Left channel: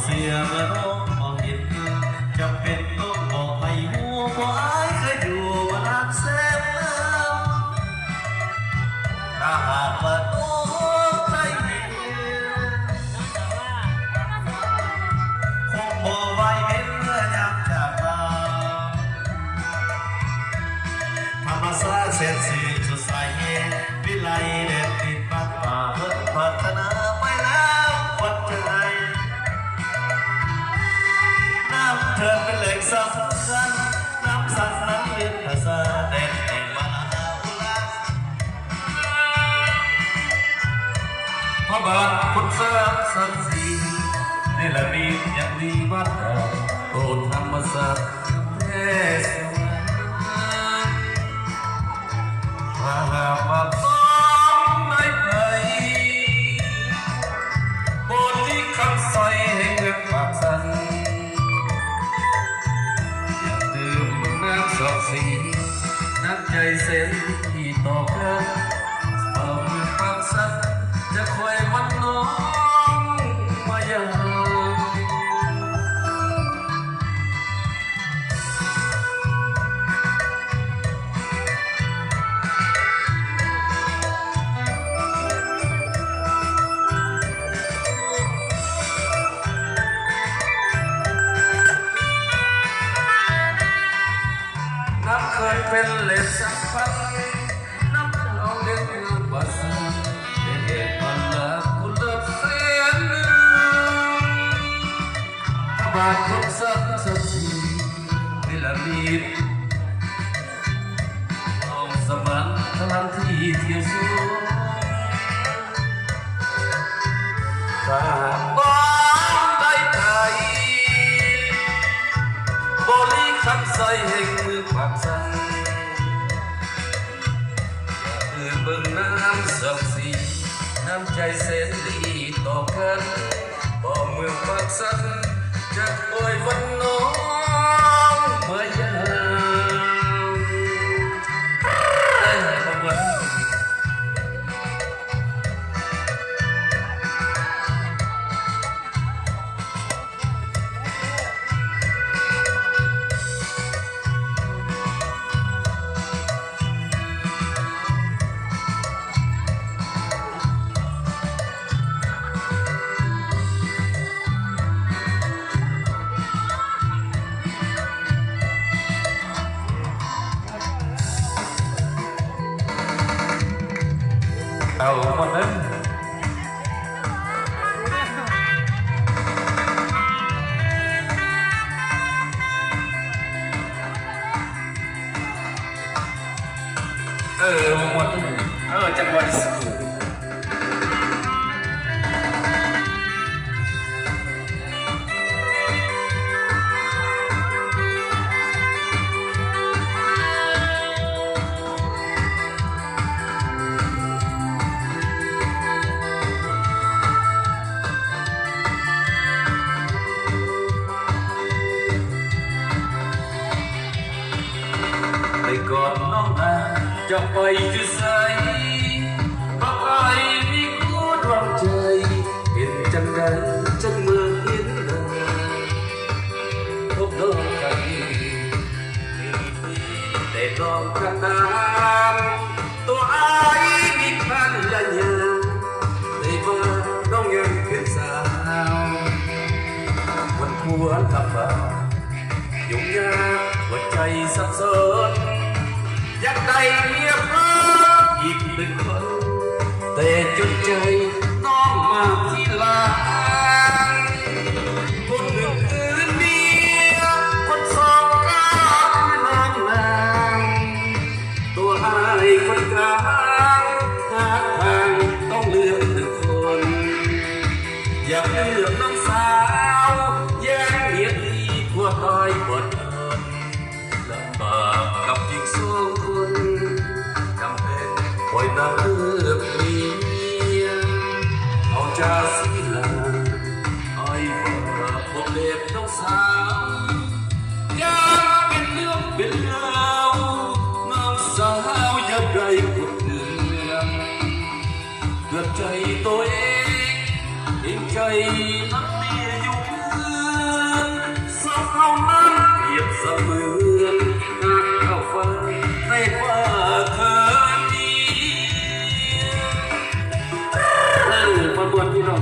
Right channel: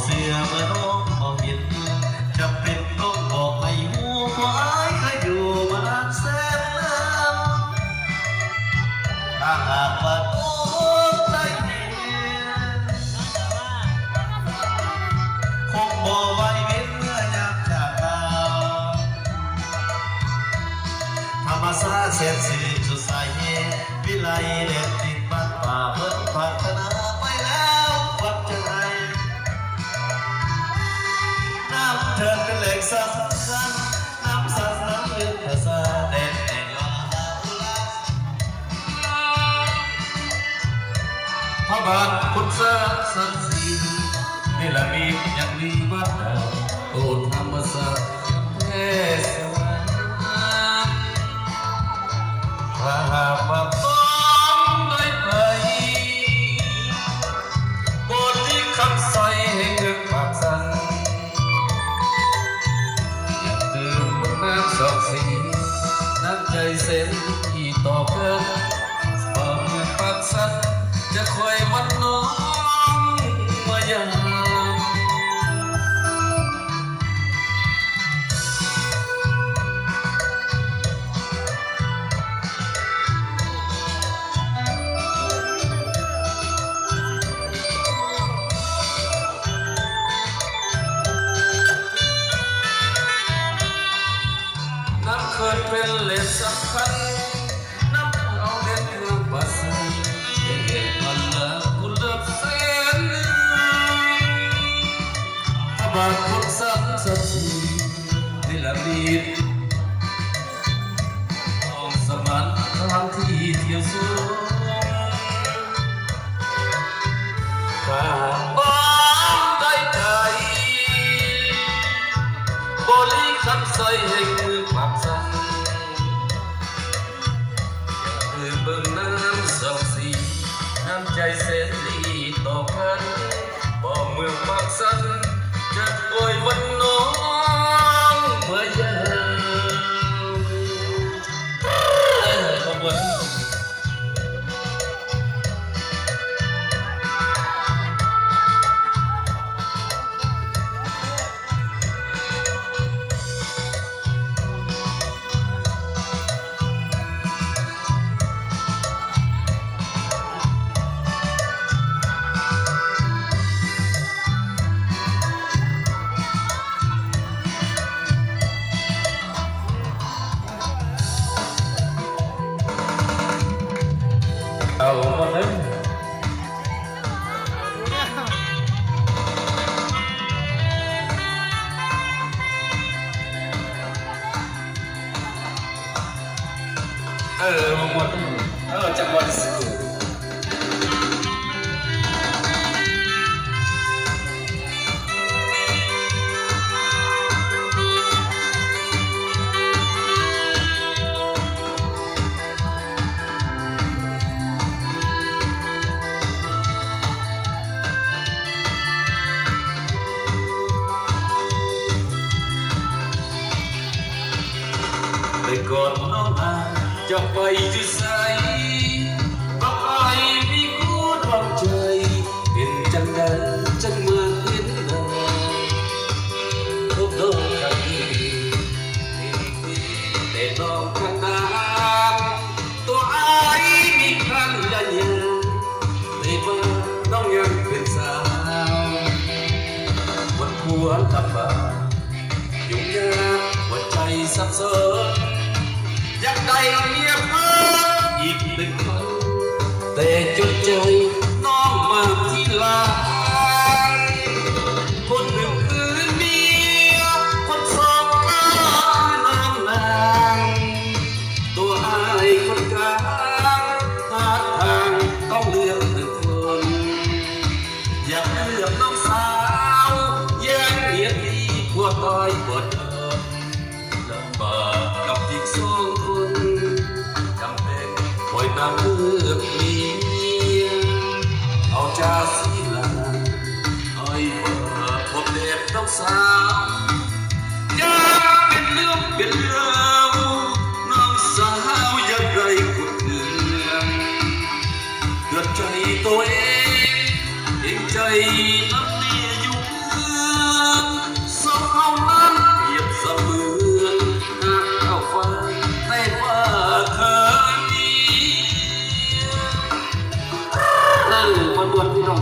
เสียเมื่อน้องมองเห็นจำเป็นต้องบอกให้หัวควายเคยอยู่มานานแสนนานถ้าหากว่าน้องได้ยินคงบอกไว้เห็นเมื่อยามจากลาธรรมชาติแสนสีสดใสวิไลแดดดินบ้านป่าเพิ่งพัฒนาไปแล้วความใจน้ำเถิดเป็นเหล็กสำคัญน้ำสัตว์น้ำเลี้ยงภาษาแดนแห่งมหาอุลาพระบาทคุณสร้างสักสีนี่ละมีอย่างมีวัดดาวโอธรรมศาสตร์เทศว่าหากว่าต้องได้ไปบนที่คำใส่ให้เงินปากสั่นอย่าดื่มน้ำสอกสีน้ำใจเส้นที่ต่อเพิ่มต่อเมื่อปากสั่นจะคอยวันน้องมาอย่างน้ำเคยเป็นเหล็กสำคัญน้ำเราเล่นเรื่องภาษาอย่าเก็บมันละกุหลาบแสนพระบาทคุณสักสักทีนี่ละมีดเอาสมานทางที่เที่ยวสูงถ้าบ้านได้ใจบริคำใส่ให้มือปากสั่นอย่าลืมเบิ่งน้ำสองสีน้ำใจเส้นดีต่อกันบอกมือปากสั่นจะโอยวันน้องเมื่อยามขอบคุณเอามาเล่นหมดจังหวัดสุรินทร์ไปก่อนน้องนาจะไปที่ใสเพราะไอ้มีคู่ดวงใจเป็นจังใดจังมาเห็นหน้าพบน้องกันแต่น้องกันนานตัวไอ้มีพันละยาเลยว่าน้องยังเป็นสาววันควรกลับมายุ่งยากหัวใจสับสนอยากได้เมียเพิ่มอีกหนึ่งคนแต่จุดใจน้องมาทีหลังคนหนึ่งคือเมียคนสองก็คือนางตัวอายคนกลางหาทางต้องเลือกหนึ่งคนอยากเลือกน้องสาวแย่งเมียที่ทั่วตายปวดลำบากกับอีกสองคนจำเป็นปล่อยนางเลือกเมียเอาจาสีลาอ้อยว่าพบเด็กน้องสาวอยากเป็นเรื่องเป็นราวน้องสาวอย่าไรคนอื่นเกิดใจตัวเองใจน้ำเมียอยู่ เสมือนหักเข้าฟ้าในว่าเคยดีวันพี่น้อง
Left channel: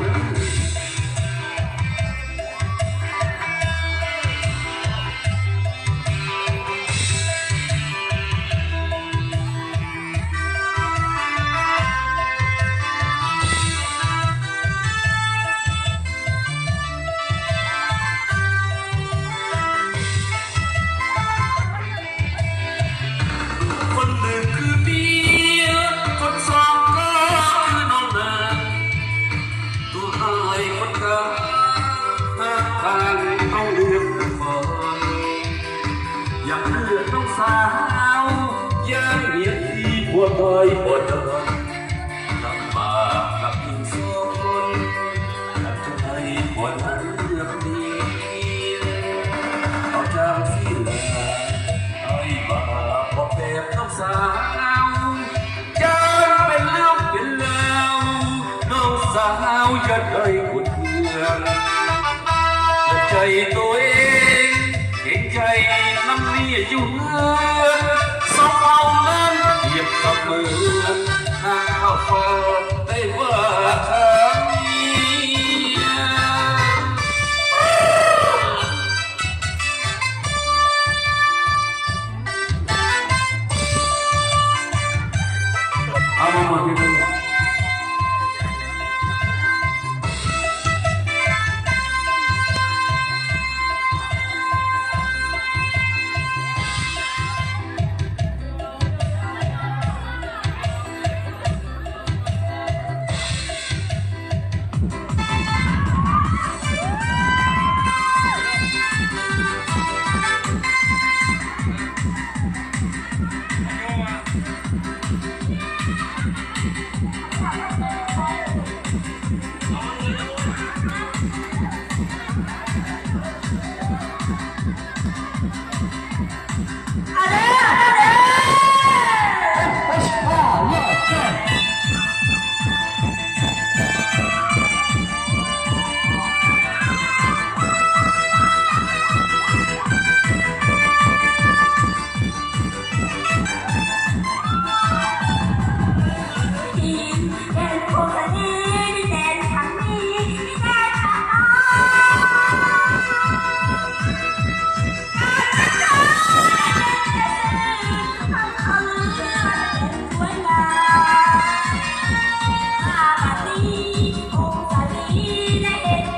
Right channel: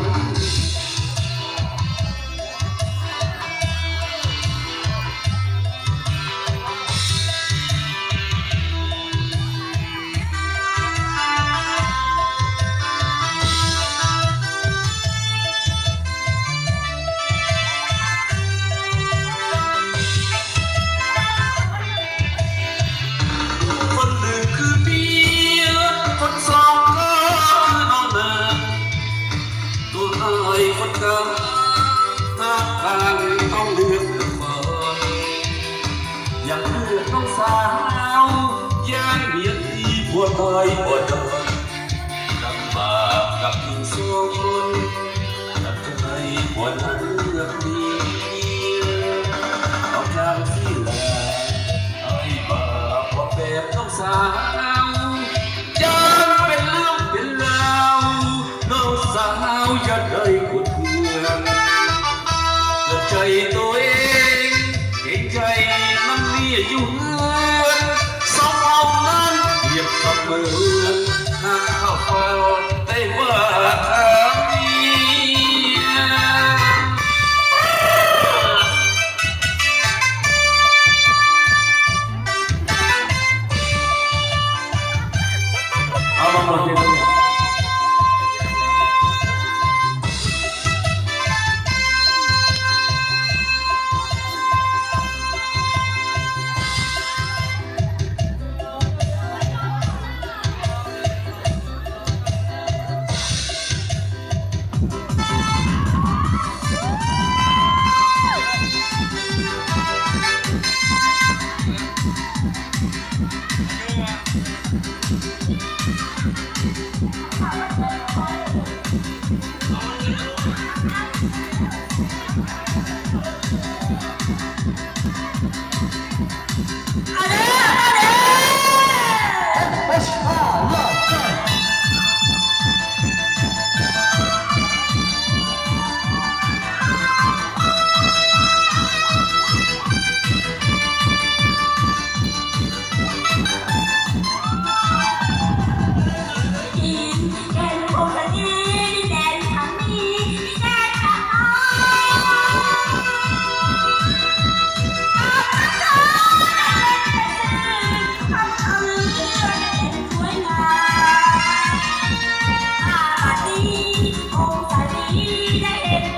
คนหนึ่งคือเมียคนสองก็คือน้องนางตัวอายคนกลางถ้าทางต้องเลือกเป็นฝ่ายอยากเลือกน้องสาวย้ายเมียที่ผัวตายบ่ได้ลำบากกับอีกสองคนกับใจควรเลือกดีเอาจากสิ้นลาให้บาปแบบน้องสาวจนเป็นเรื่องเป็นราวน้องสาวอย่าได้กดเคืองเปิดใจตัวเองเก่งใจน้ำเมียอยู่เฮือนสองเอานั้นเปรียบเสมือนหากข้าวฟอได้ว่าทางนี้ เอามาหมดเลย Hãy subscribe cho kênh Ghiền Mì Gõ để không bỏ lỡ